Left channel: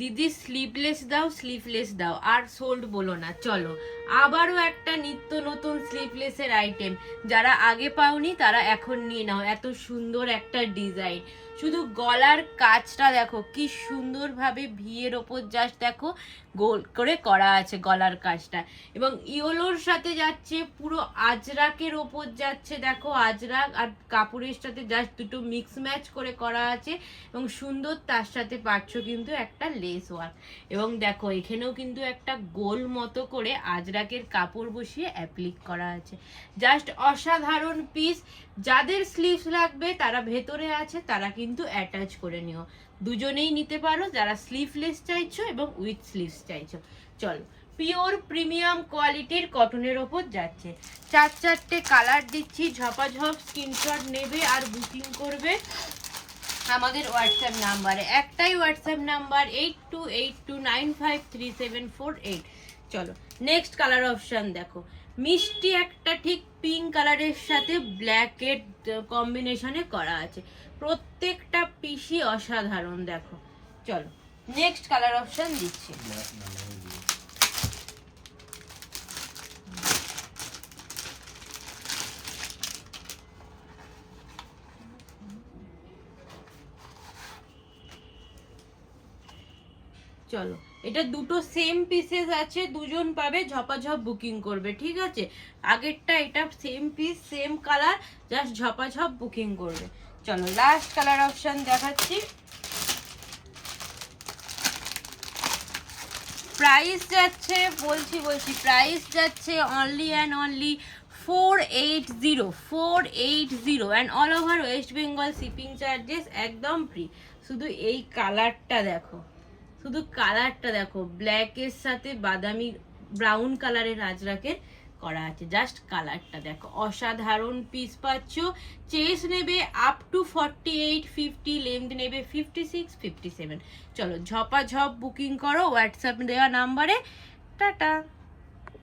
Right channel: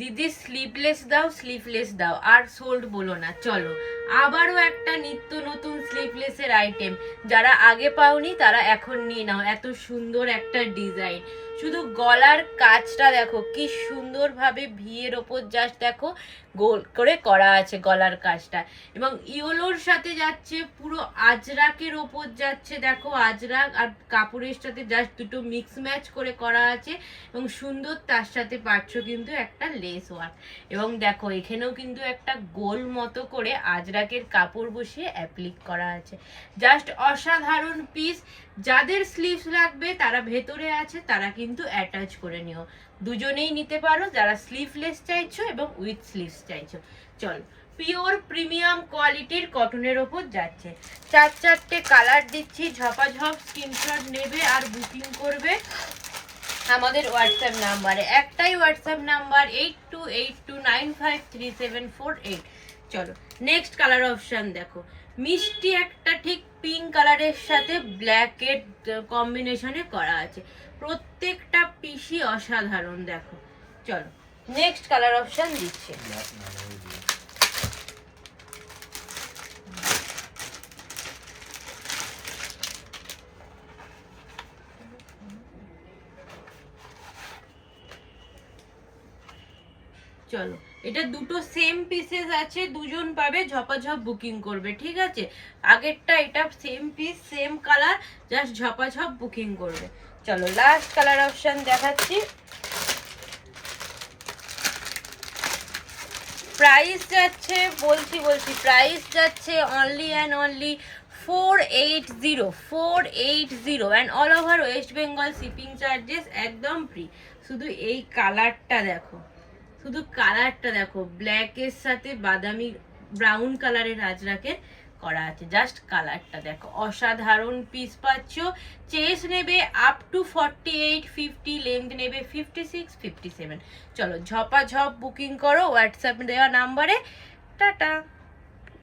দিদি স্লিভলেস দাও, স্লিভলেস দাও, আর সোল্ড বলো না। চলো আবারও একটা নিত্য নতুন স্লিভলেসের আইটেম, যারা আগে পাওনি তারা এখন নিয়ে নাও। এত সুন্দর একটা ডিজাইন, শুধু গলার কাজটা দেখো কি সুন্দর ভাবে ভিয়ের ওপর জাস্ট দেখো গোল করে করা আছে গলার কাজটা, এবং ইয়োলোর সাথে যাচ্ছে, পুরো আজরাকের ওপর যাচ্ছে দেখো, আজরাক আর কাপড়ের সাথে জাস্ট দুটো মিক্স ম্যাচ করে করা আছে, এবং সুন্দর তার সাথে পাচ্ছ কিন্তু একটা লেস ওয়ার্ক, এবং দেখো এখানেও কিন্তু একটা গোল মতো করে আজরাকের কাপড় বসিয়ে অ্যাপ্লিক করা আছে। জাস্ট অসাধারণ পিস। যাদের স্লিভস লাগবে তারা ভেতরে আছে, তারা কিন্তু অ্যাটাচ করে নিও, দুজনেই নিতে পারো, যারা স্লিভলেস চাইছো এবং উইথ স্লিভস চাইছো। চলো, পিওর প্রিমিয়াম কোয়ালিটির কটনের ওপর যাচ্ছে, 4-4টে কালার দিচ্ছি, ঝপাঝপ স্ক্রিনশট নেবে আর বুকিং করবে আমাদের হোয়াটসঅ্যাপ নাম্বারে। একটাই হোয়াটসঅ্যাপ নাম্বার 8282953748। চলো নেক্সট কালার অপশন দেখো, মিষ্টি একটা ঠিক পিঙ্ক কালারের সাথে ব্ল্যাকের কম্বিনেশনে করা আছে, প্রত্যেকটা পিসই অসাধারণ দেখো। চলো নেক্সট কালার অপশন দিচ্ছে, চলো এটা দুটো সেম পিসেস আছে, দুজন পাবে, ঝপাঝপ বুকিং করবে, ঠিক আছে? আগেরটা এটা same piece same colour, just ঝপাঝপ বুকিং করবে। চলো লাস্ট কালার অপশন দেখাচ্ছি। প্রাইস যাচ্ছে বলছি প্রাইস যাচ্ছে only and only 480 and all over West Bengal shipping charges একদম ফ্রি। শুধু এই কালারটা দেখো, শুধু কালারটা দেখো, ব্ল্যাকের সাথে বাদামি ব্রাউন কালারের আজরাকের করা আছে, জাস্ট কালারটা দেখো, অসাধারণ পিস পাচ্ছ। চেস্ট নেবে আপ টু 48-50, লেন্থ নেবে 56-57। চলো ঝপাঝপ বুকিং করো হোয়াটসঅ্যাপ দেওয়া নাম্বারে। টাটা।